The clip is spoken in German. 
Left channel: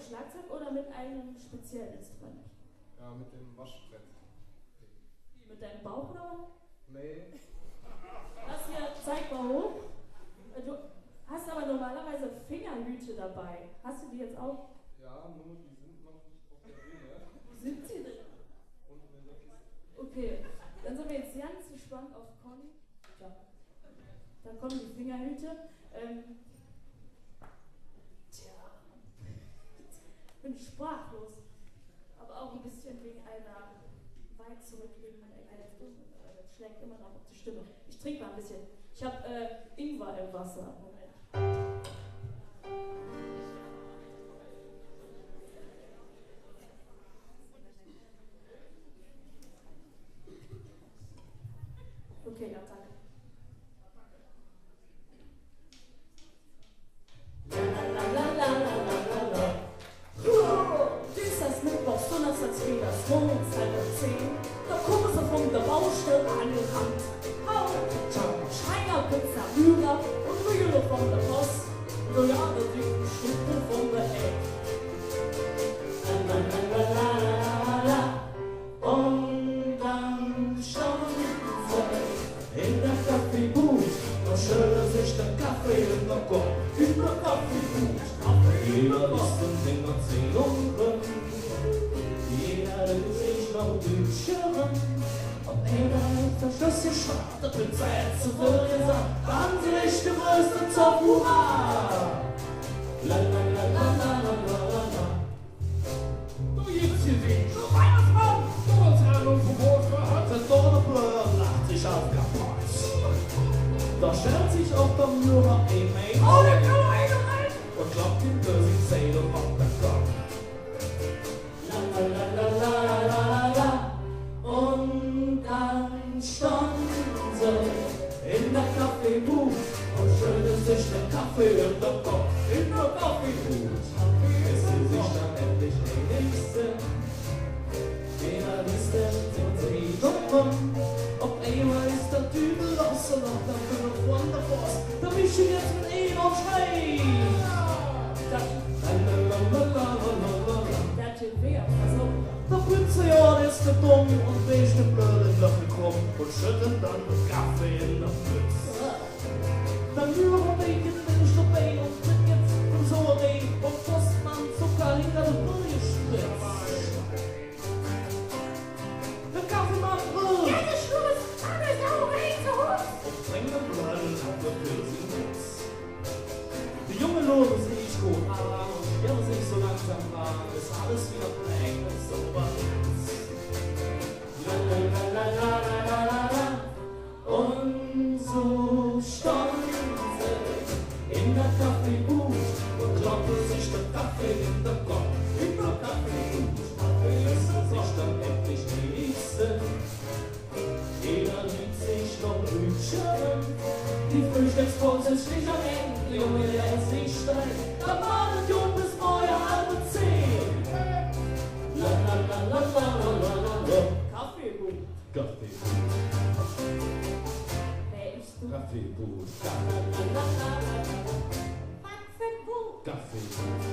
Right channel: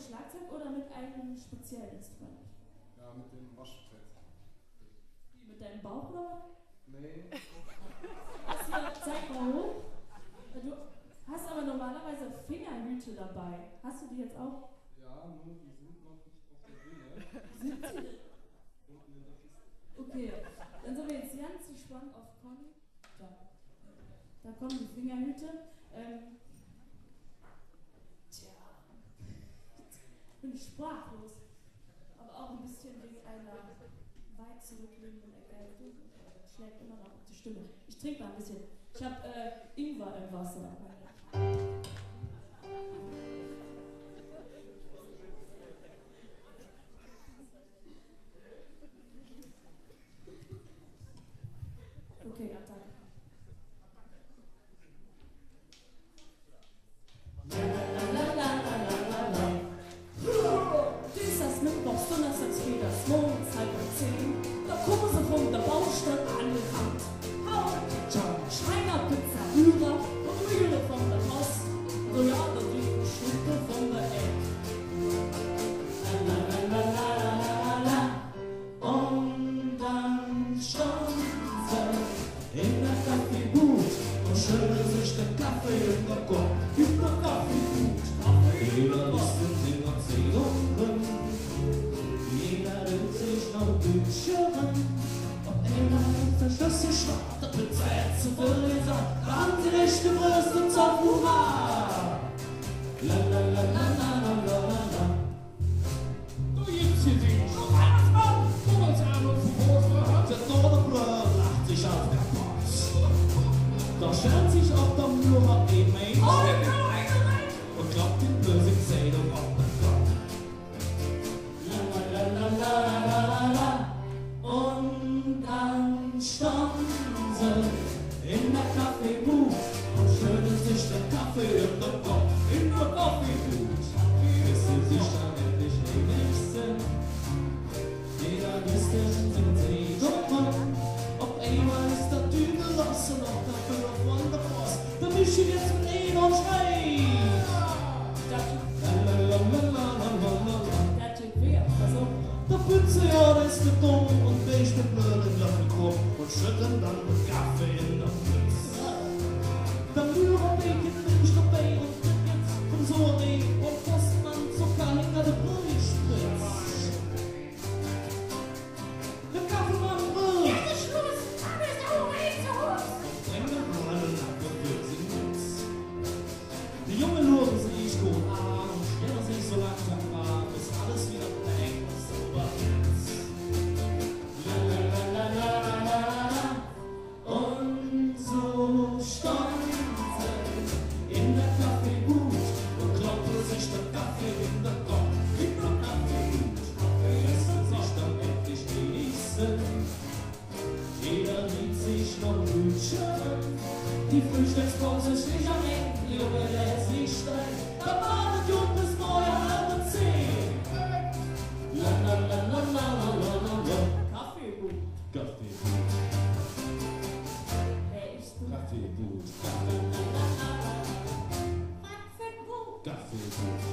Schlagzeug oder mit einem speziellen Instrument? Ja, mit dem Waschbrett. Wie, mit deinem Bauch oder? Nee. Zeig mal hoch. Du hast aber normalerweise Fingerhüte dabei. Hast du die jetzt auch? Ja, nur die sind noch nicht auf der Bühne. Sind sie denn? Unten in der Kiste. Okay, dann sind wir jetzt ganz gespannt auf Conny. Da kommen die Fingerhüte. Ich bin sprachlos, aber auch ein bisschen wegen einer weit zurückliegenden Erkältung. Das schlägt immer noch auf die Stimme. Ich trinke mal ein bisschen. Ich habe Ingwer im Wasser. Okay, Attacke. Dienstags, Mittwochs, Donnerstags, Freitags, morgens 9:10 Uhr. Da kommen sie von der Baustelle angerannt. Schreiner, Pizza, Rührer und Rühle von der Post. So ja, da liegen Stücke von der Eck. Und dann stand sie in der Kaffeebude und schüttelt sich den Kaffee in der Kopf. In der Kaffeebude. Jeder ist in den Erzählungen. Jeder will sich noch Büchern. Das Schlüsschen schwarz, der Pizza jetzt zu Verleser, wahnsinnig geröstet auf Hurra! La la la la la la la la. Du gibst hier den Weihnachtsmann! Du willst gerade vom Brot der Donnerblöd lacht sich auf kaputt. Da stellt sich auf der Nummer ein Mädchen und klappt den bösen Seidung auf den Kopf. La la la la la la la la. Und dann stand sie in der Kaffeebude und schüttelt sich den Kaffee in den Kopf. In der Kaffeebude, bis sie sich dann endlich einig sind. Jeder ist der singt Nummer. Auf einmal ist der Dübel los und auf der Bühne von der Post. Wir mischen jetzt mit ihm und schreien. Der Typ wer? Also, der Pizzajahr ist der dumm und wäscht den blöden Kaffeekopf und schüttelt dann den Kaffee in der Pfütze. Dann rühren wir Bacon in den Stubbein und Tickets von so Regen und Postmann Zucker hinter der Brühe spritzt. Der Kaffeemann rührt. Jetzt ist Schluss, aber ist auch Regen zu Hus. Und bringt den blöden Apfel für sie Putz. Die Jungen loben sich gut an und stellen sich so langsam an, bis alles wieder bleibt und so was. La la la la la la la la. Und so stand sie in der Kaffeebude und kloppte sich den Kaffee in den Kopf. In der Kaffeebude, bis sie sich dann endlich ließen. Jeder liebt sich noch Brötchen. Die Frühstückspause ist nicht am Ende, Junge, der ist nicht steil. Da wartet Jung bis neue halbe 10. La la la la la la la la. Kaffeebude. Kaffeebude. Kaffeebude. Kaffeebude. Kaffeebude.